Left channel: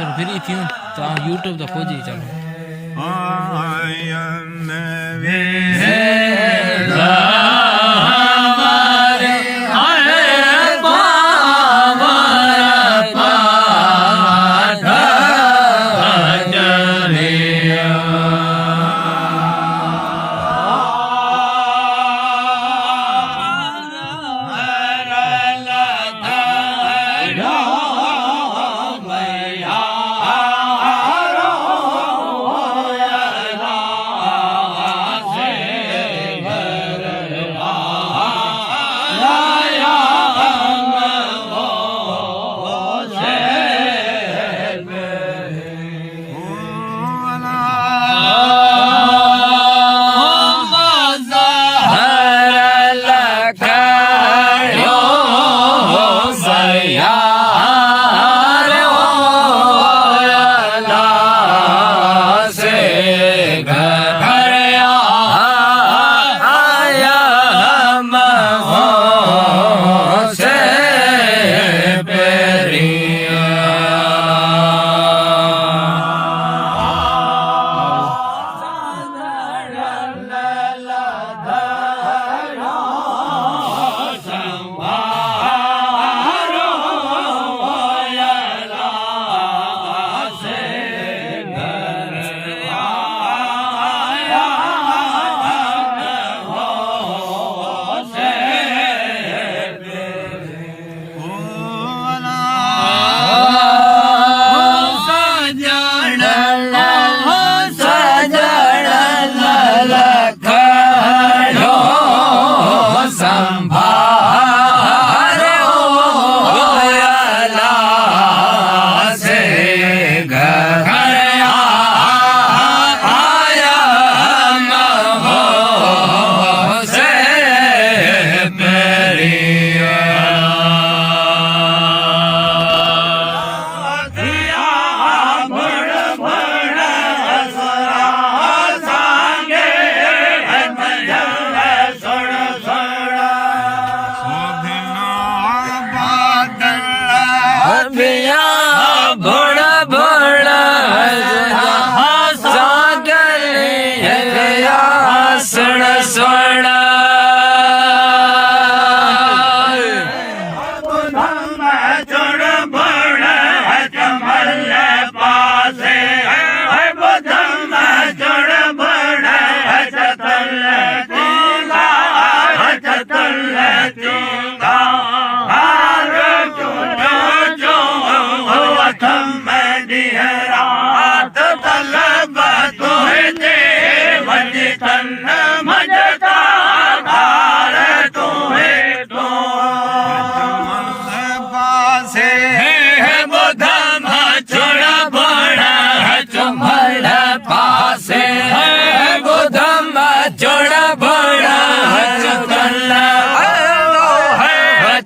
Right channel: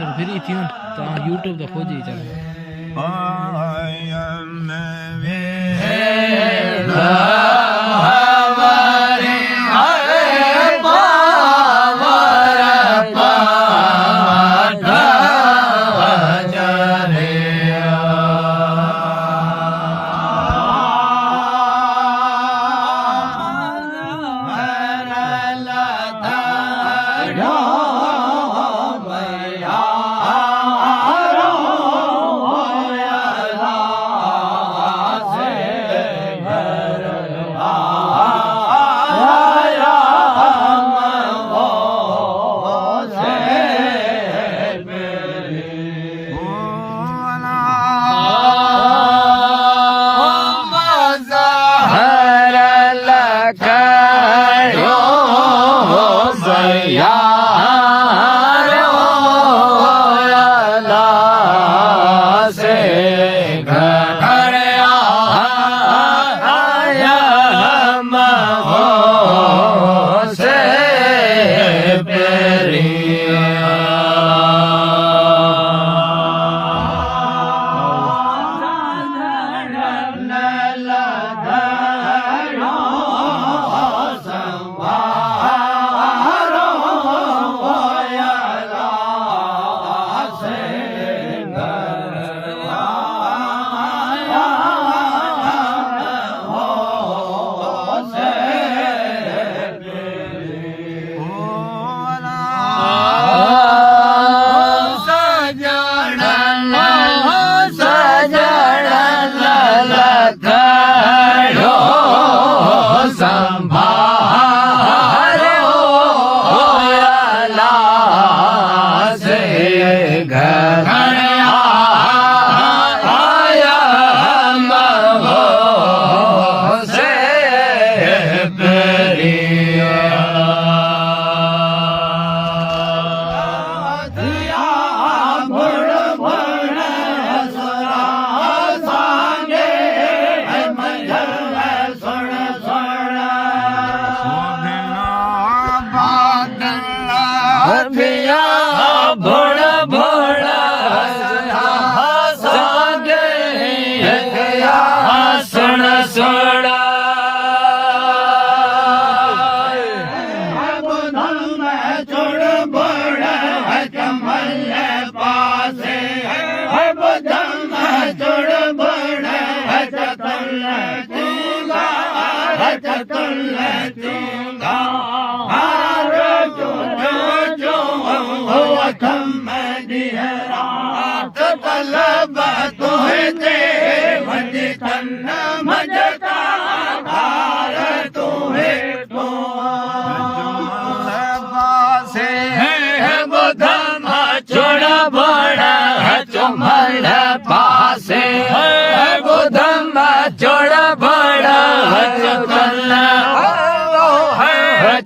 थोरो फ्री थियूं त यूट्यूब त खोजे चलो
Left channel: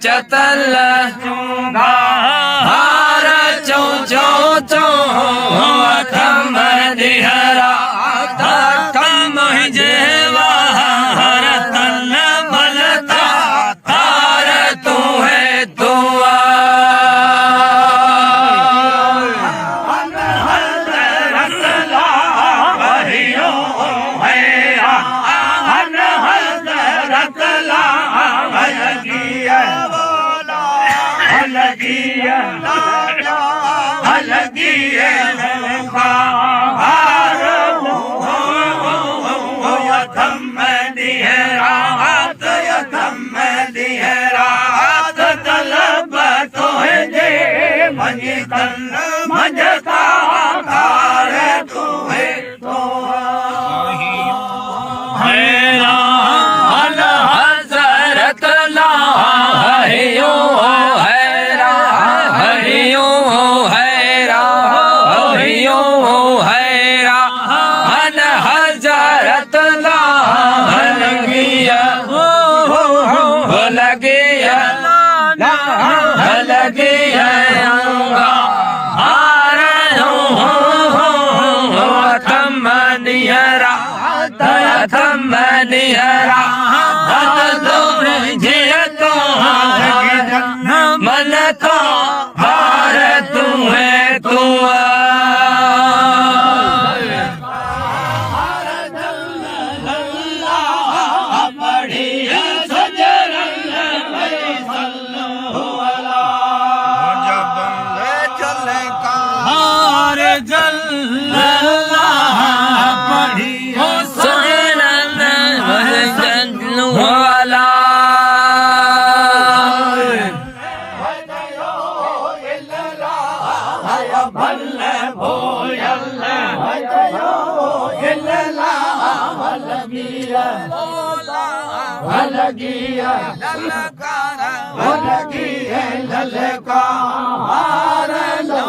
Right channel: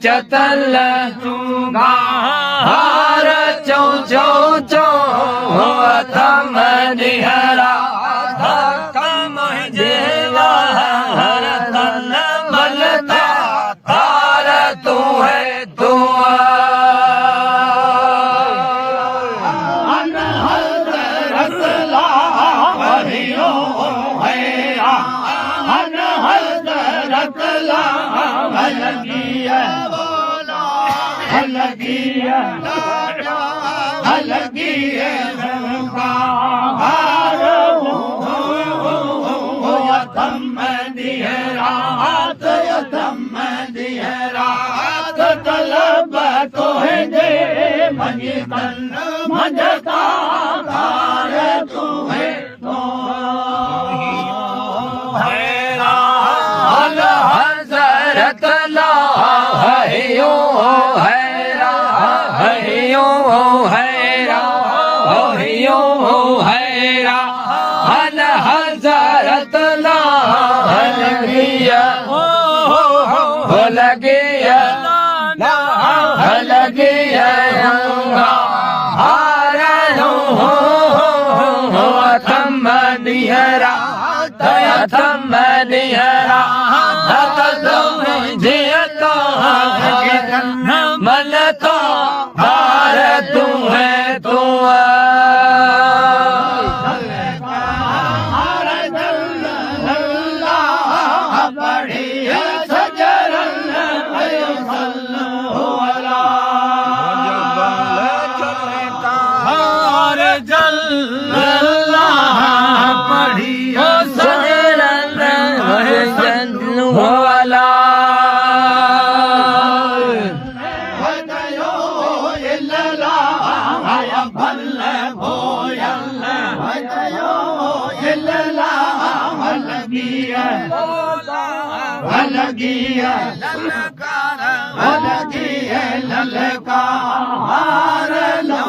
चतल हार चौ चौ चौ थम दिहरा थम जेवा हर तल मलता तार तू है तू मन का हार तू है तू लगी है ललकार हो लगी है ललकार लो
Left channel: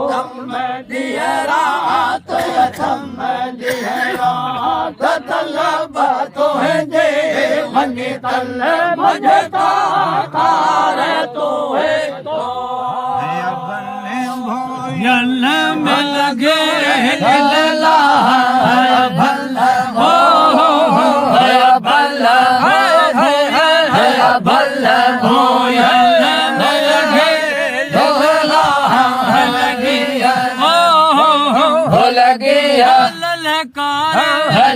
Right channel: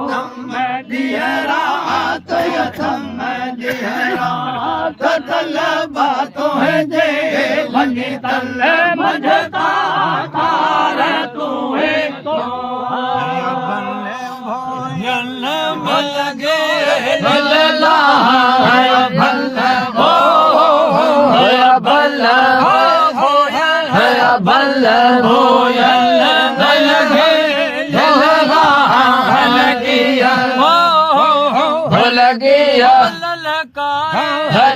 थम दिहरात थम दिहरात तलब तो है जे वञे तल मझता तार तो है तो यल में लगे भला भला हो भला हो भला हो यल में लगे भला लगी हो लगी ललकार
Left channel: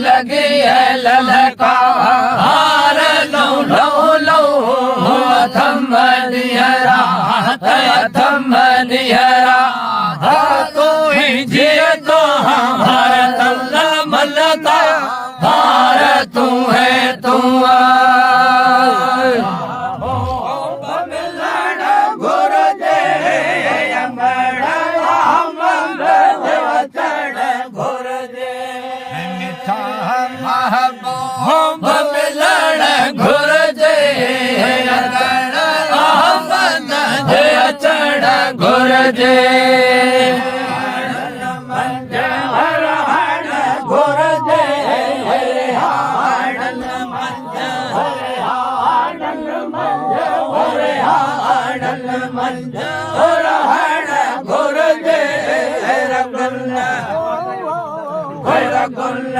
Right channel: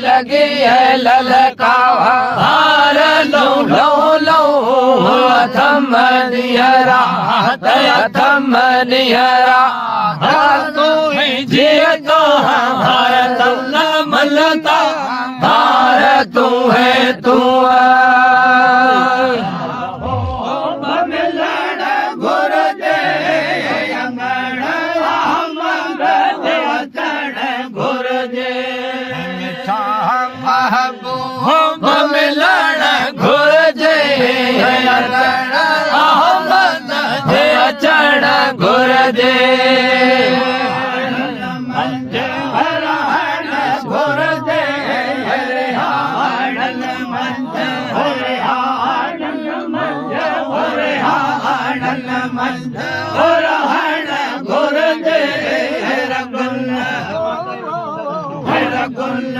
लगी है ललकार लो लो लो थम दिहरात थम दिहरात तू ही जीतो हर तल मलता हार तू है तू मिलन गुर दे अंगड़ चढ़ गुर दे मिठा महबूब मिलन गुर दे चढ़ गुर दे हर हर गुर दे हाड़न मंज हरे हाड़न मंज हरे हाड़न मंज हर हर गुर दे रगुल रगुल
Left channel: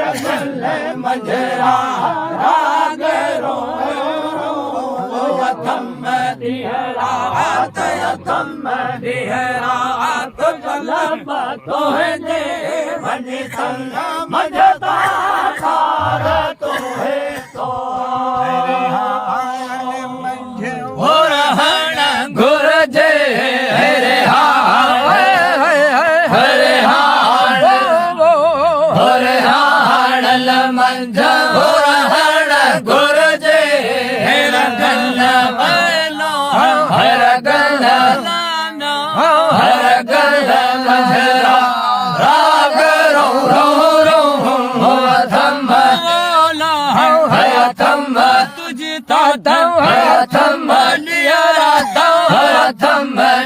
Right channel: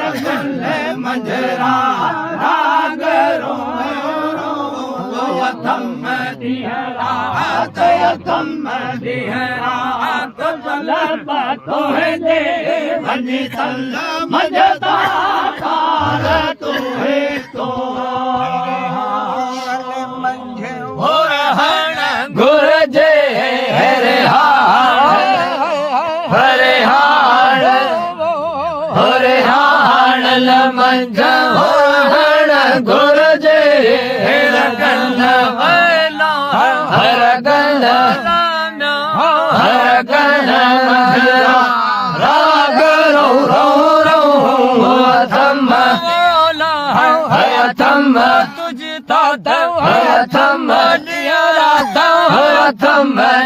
रगुल मंजरा राग रो थम दिहरात थम दिहरात तलब तो है जे वञे तल मझता तार तो है तो गुर जे हरे हरे हाड़ हरे हाड़ मंझ गुर जे गल हर गल मंझरा राग रो रो रो थम थम तुझता थम थम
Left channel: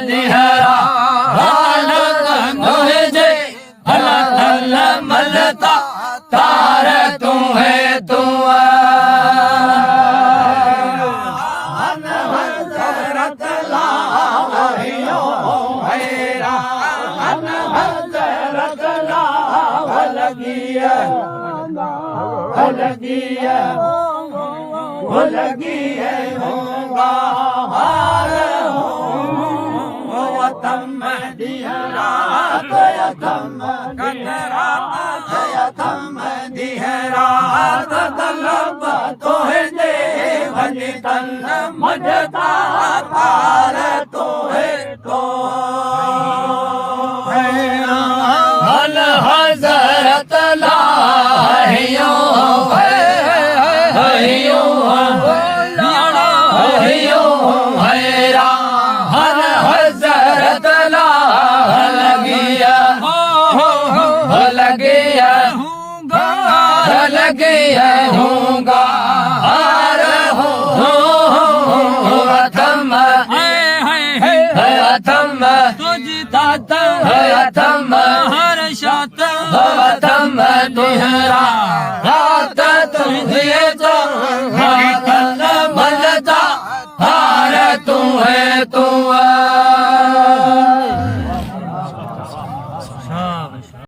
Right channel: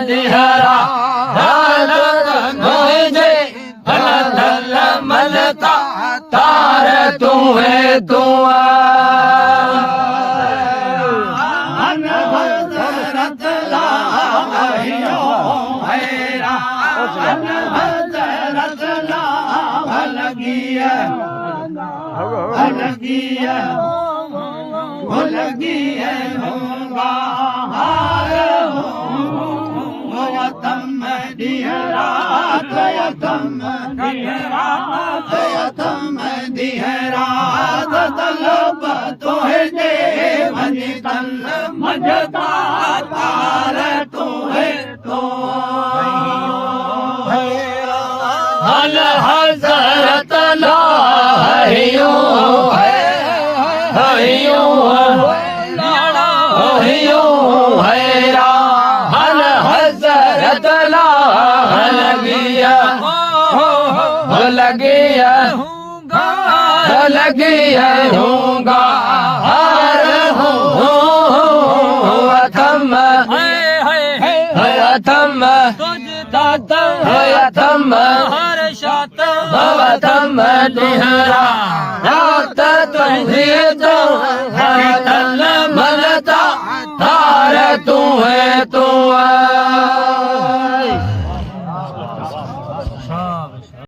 दिहरा जे हल मलता तार तू है तू लगी है होगा हार हो तम दिहरात थम दिहरात तलब तो है जे वञे तल मझता पार तो है तो हल हज़रत लाहियो हल हज़रत लगिया होगा हार हो थम थम तुझता थम हर शात थम दिहरा रात तुझे